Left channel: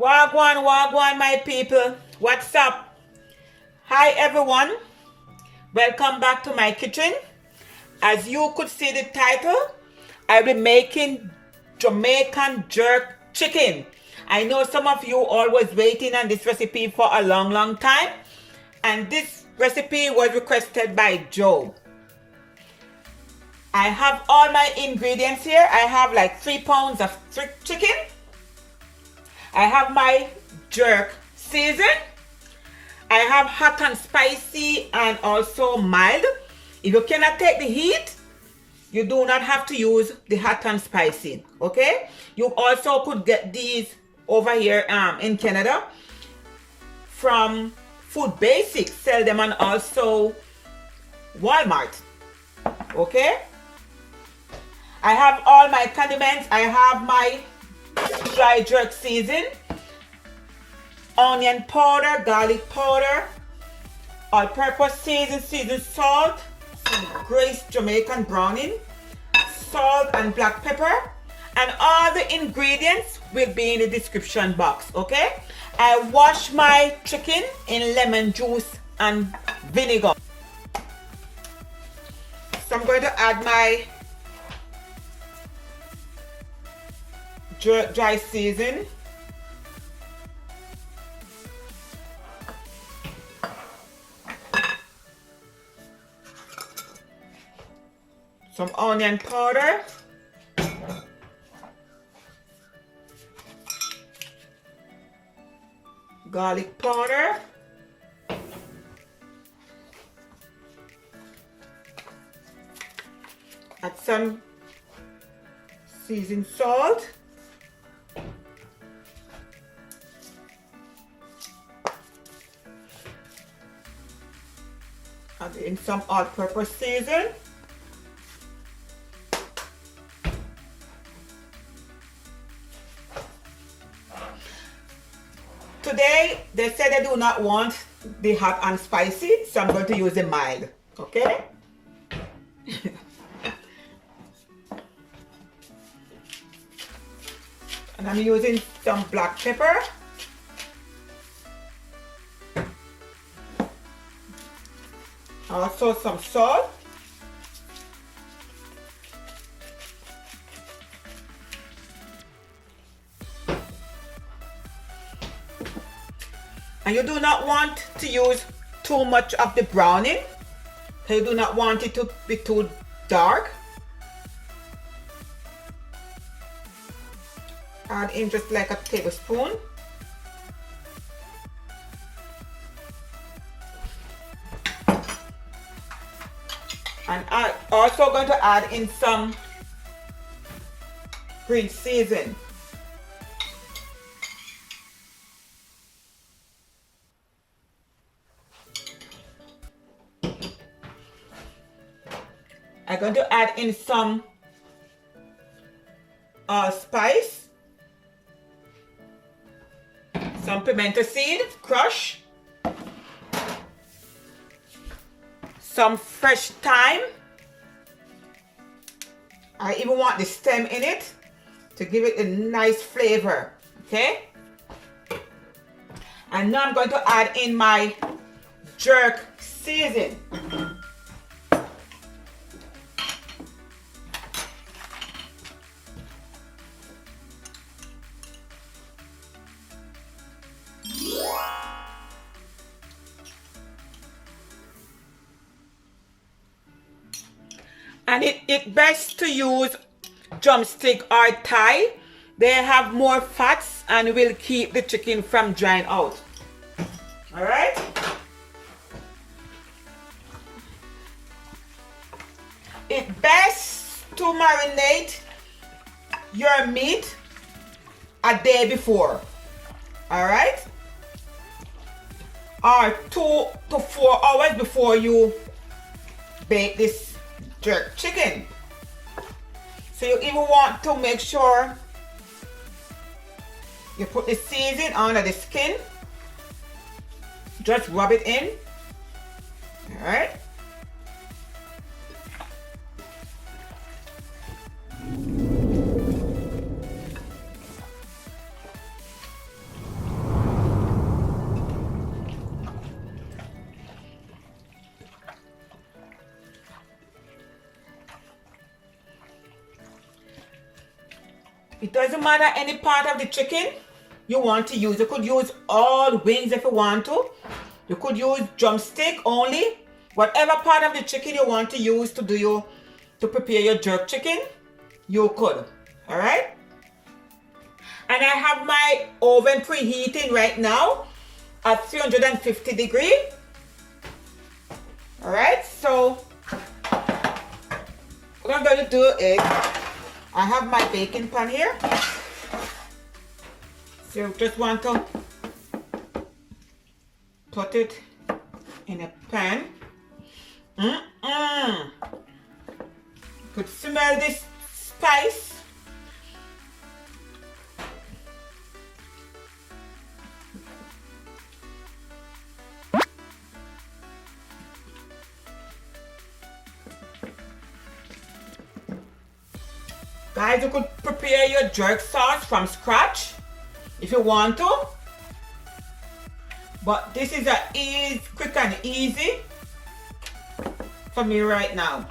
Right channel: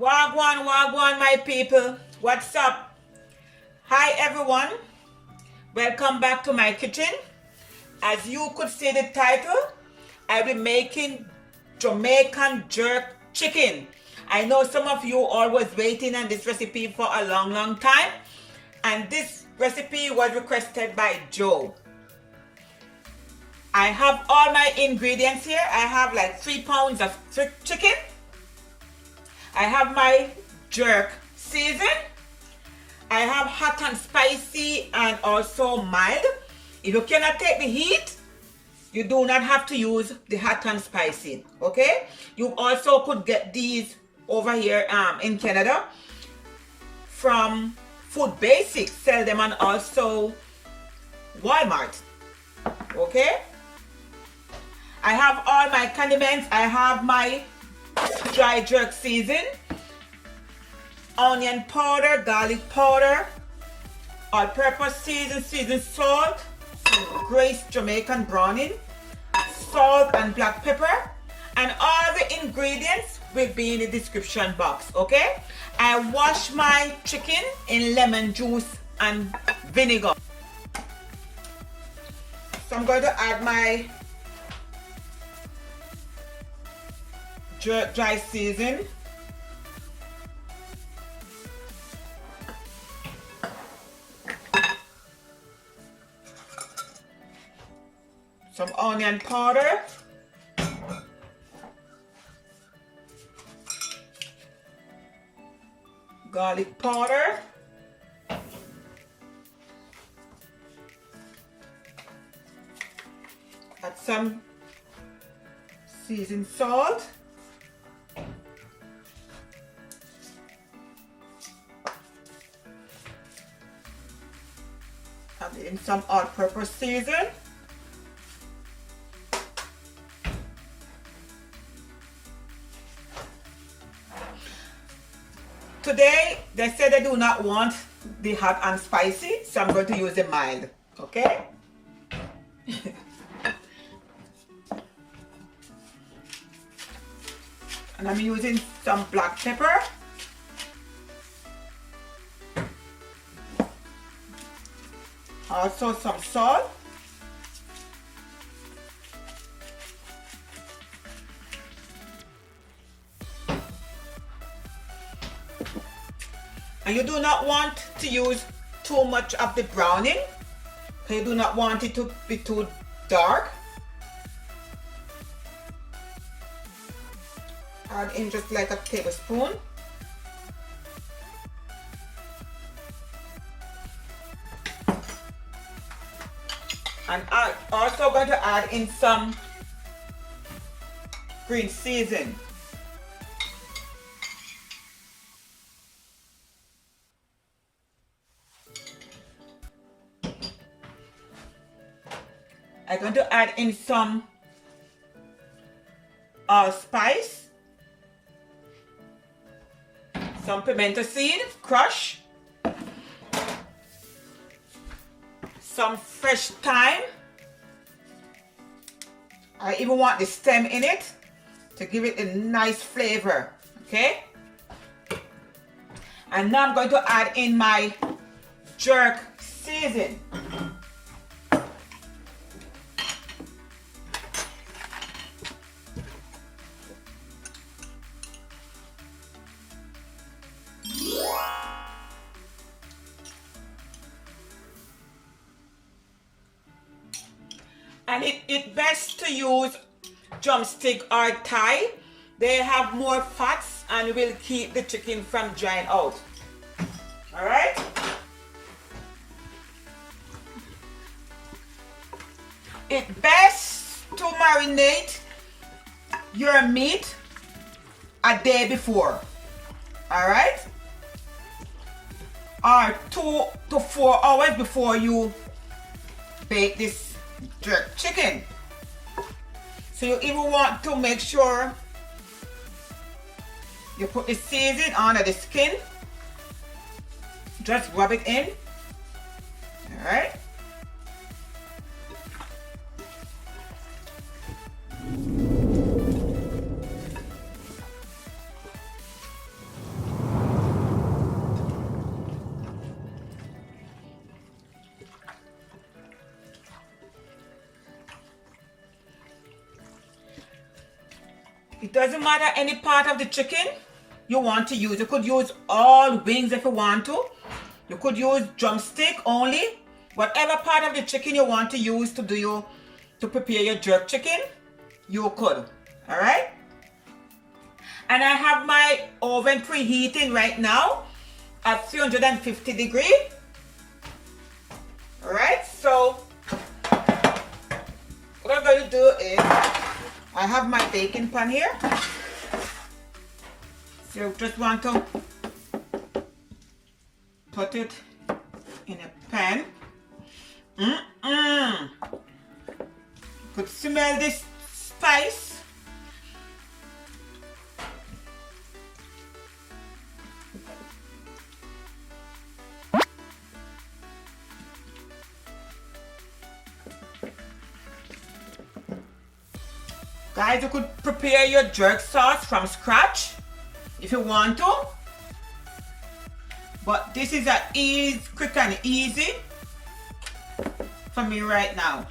Wagwan, wagwan, my people. What's up? Hi, everyone. Welcome back to my kitchen. As you could see the title, I'll be making Jamaican jerk chicken. I know some of you all was waiting on this recipe for a long time. And this recipe was requested by Joe. I have all my ingredients here. I have like 3 pounds of chicken. I have my jerk season. I have hot and spicy and also mild. If you cannot take the heat, you do not have to use the hot and spicy, okay? You also could get these over here in Canada from Food Basics, sell them on also Walmart, okay? I have all my condiments. I have my dry jerk season, onion powder, garlic powder, all-purpose season salt, some Grace Jamaican browning, salt and black pepper, and all the ingredients will be in the description box, okay? I wash my chicken in lemon juice and vinegar. So I'm going to add my dry season. Some onion powder. Garlic powder. Add some seasoned salt. Add in some all-purpose season. Today, they said they do not want the hot and spicy, so I'm going to use the mild, okay? And I'm using some black pepper. Also some salt. And you do not want to use too much of the browning. You do not want it to be too dark. Add in just like a tablespoon. And I'm also going to add in some green season. I'm going to add in some spice, some pimento seed, crush, some fresh thyme. I even want the stem in it to give it a nice flavor, okay? And now I'm going to add in my jerk season. And it's best to use drumstick or thigh. They have more fats and will keep the chicken from drying out. All right? It's best to marinate your meat a day before. All right? Or 2 to 4 hours before you bake this jerk chicken. So you even want to make sure you put the seasoning under the skin. Just rub it in. All right. It doesn't matter any part of the chicken you want to use. You could use all wings if you want to. You could use drumstick only. Whatever part of the chicken you want to use to prepare your jerk chicken, you could. All right. And I have my oven preheating right now at 350 degrees. All right. So what I'm going to do is I have my baking pan here. So just want to put it in a pan. Could smell this spice. Guys, you could prepare your jerk sauce from scratch if you want to. But this is quick and easy for me right now.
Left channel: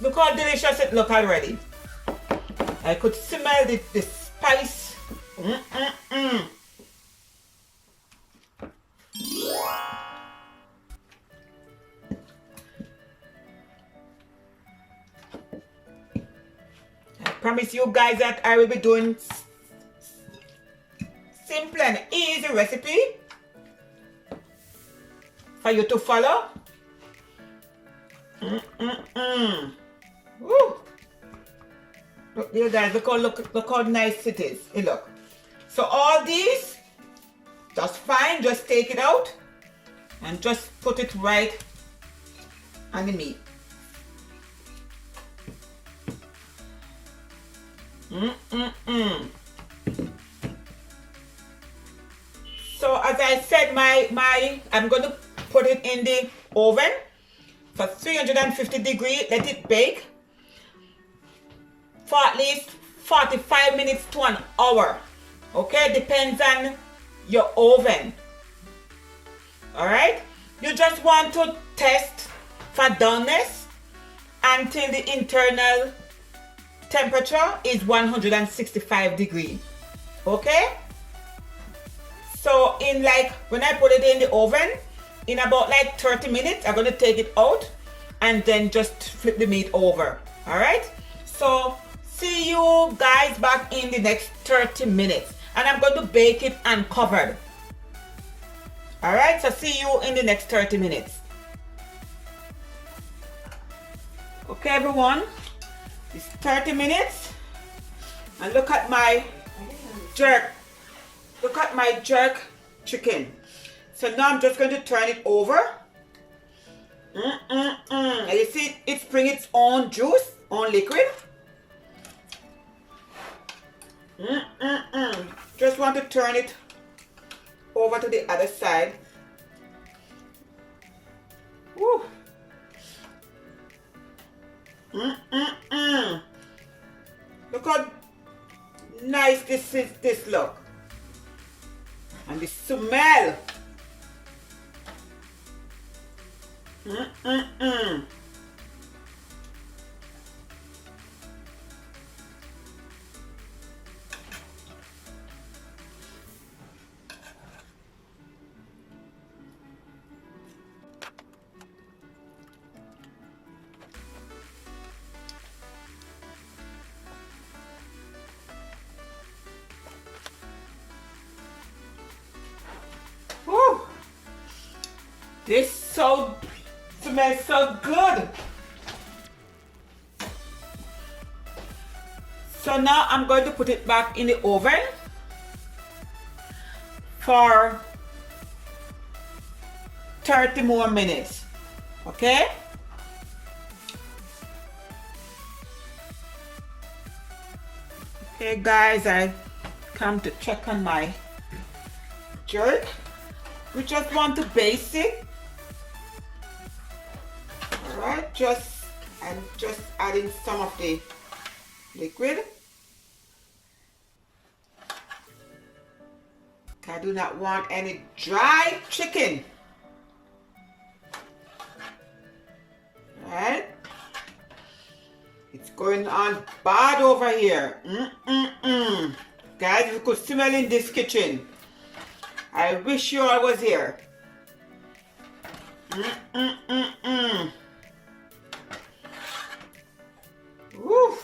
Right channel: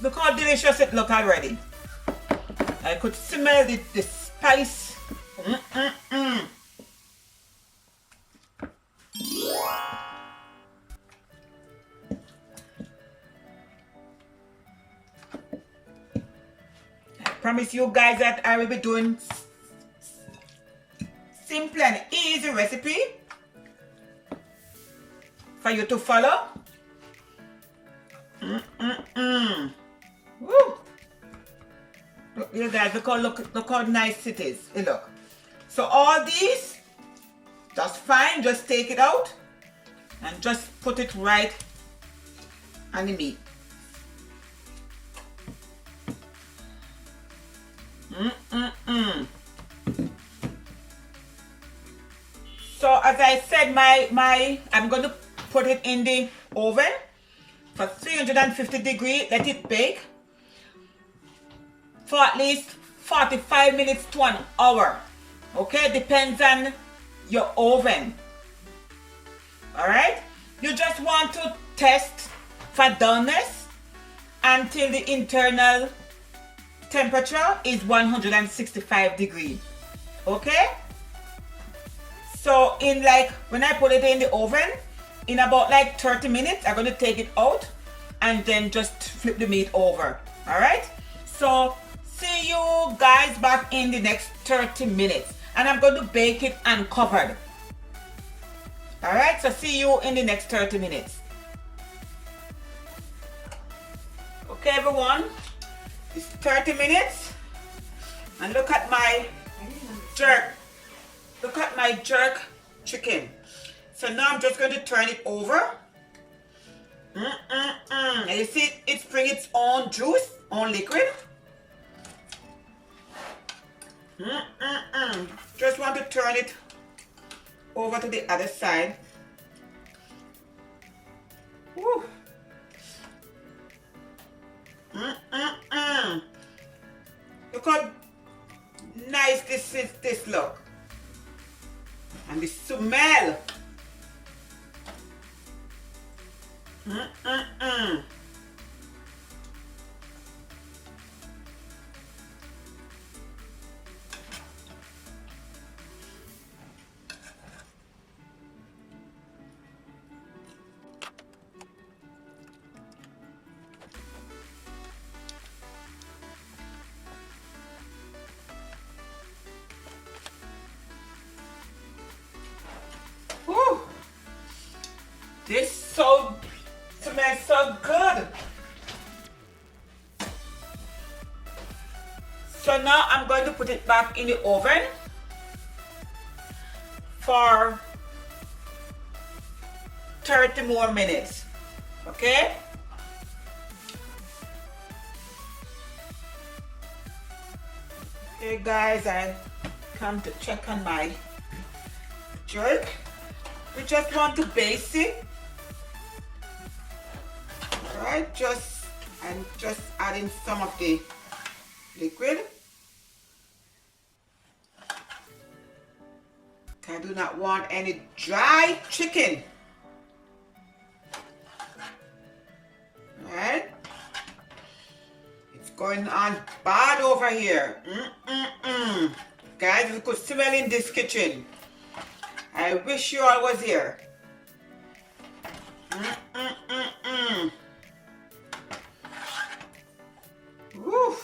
Look how delicious it looks already. I could smell the spice. I promise you guys that I will be doing simple and easy recipe for you to follow. Woo. Look there guys, look how nice it is. Hey, look. So all these, that's fine. Just take it out and just put it right on the meat. So as I said, I'm going to put it in the oven for 350 degrees. Let it bake for at least 45 minutes to an hour. Okay, depends on your oven. All right, you just want to test for doneness until the internal temperature is 165 degrees. Okay, so when I put it in the oven, in about 30 minutes, I'm going to take it out and then just flip the meat over. All right, so see you guys back in the next 30 minutes. And I'm going to bake it uncovered. Alright, so see you in the next 30 minutes. Okay everyone, it's 30 minutes. And look at my jerk. Look at my jerk chicken. So now I'm just going to turn it over. You see it's bring its own juice, own liquid. Just want to turn it over to the other side. Woo. Look how nice this look. And the smell. This smells so good. So now I'm going to put it back in the oven for 30 more minutes. Okay? Okay guys, I come to check on my jerk. We just want to baste it. Alright, I'm just adding some of the liquid. I do not want any dry chicken. Right? It's going on bad over here. Guys, you could smell in this kitchen. I wish you all was here. Woo.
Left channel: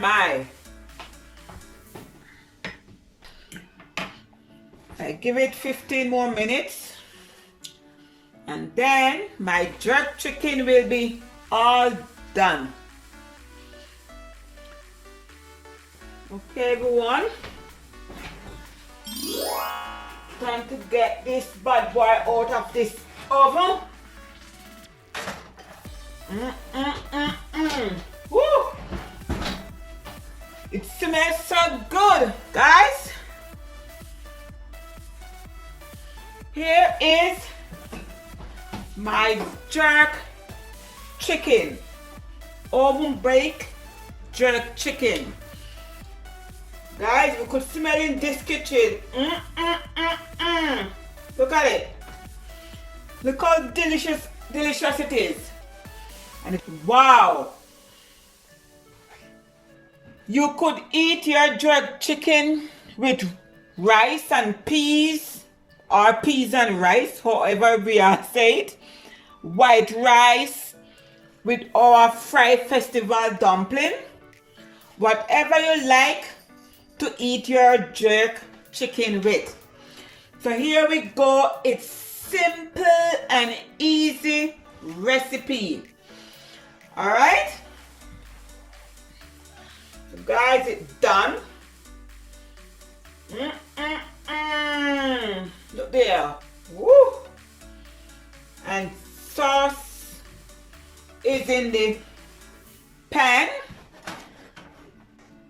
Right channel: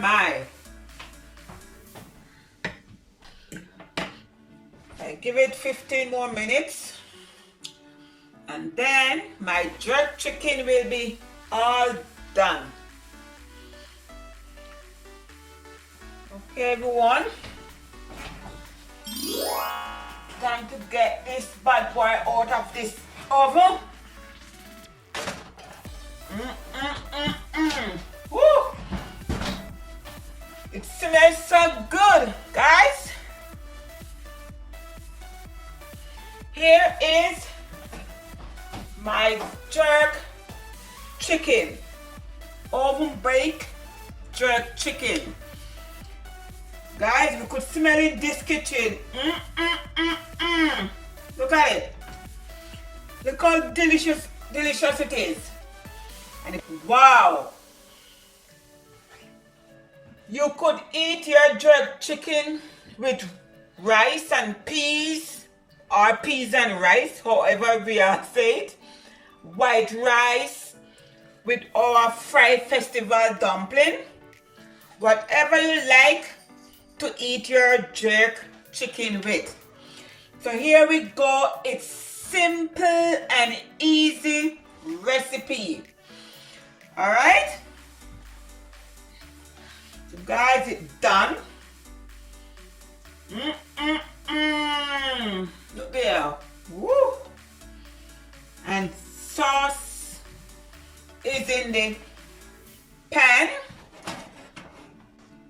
My. I give it 15 more minutes. And then my jerk chicken will be all done. Okay, everyone. Time to get this bad boy out of this oven. Woo! It smells so good, guys. Here is my jerk chicken, oven baked jerk chicken. Guys, you could smell in this kitchen. Look at it. Look how delicious it is. And wow. You could eat your jerk chicken with rice and peas, or peas and rice, however we are say it. White rice with our fried festival dumpling. Whatever you like to eat your jerk chicken with. So here we go. It's simple and easy recipe. All right. So guys, it's done. Look there. Woo. And sauce is in the pan.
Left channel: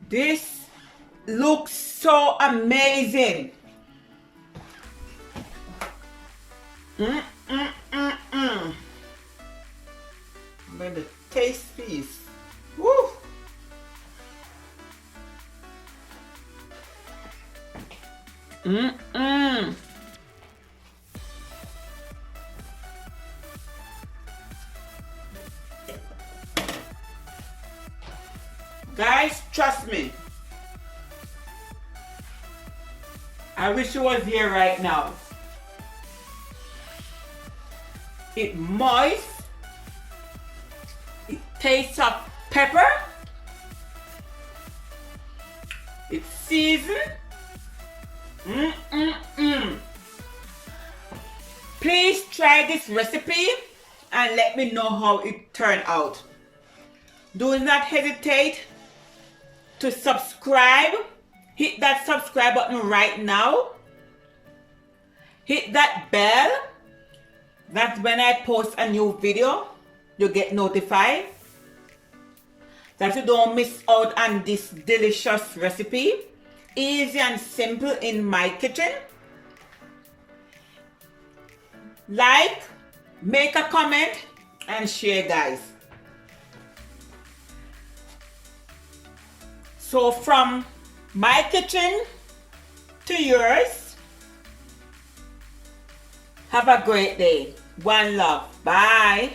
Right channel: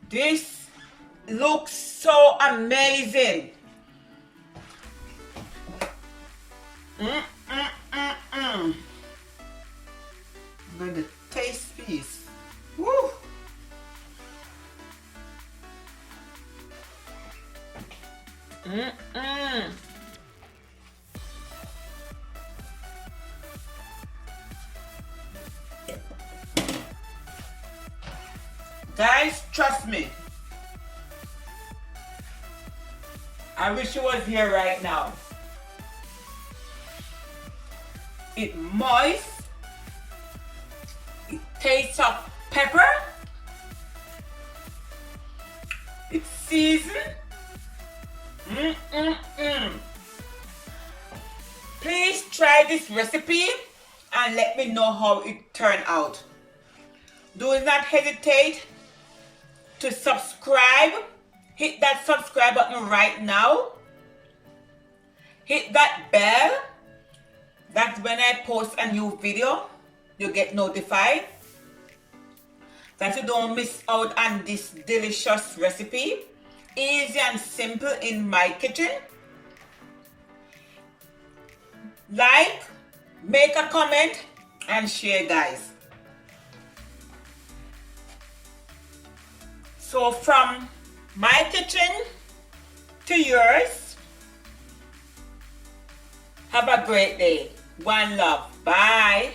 This looks so amazing. I'm going to taste this. Woo! Guys, trust me. I wish you was here right now. It's moist. It tastes of pepper. It's seasoned. Please try this recipe and let me know how it turned out. Do not hesitate to subscribe. Hit that subscribe button right now. Hit that bell. That's when I post a new video, you get notified. That you don't miss out on this delicious recipe. Easy and simple in my kitchen. Like, make a comment, and share, guys. So from my kitchen to yours, have a great day. One love. Bye.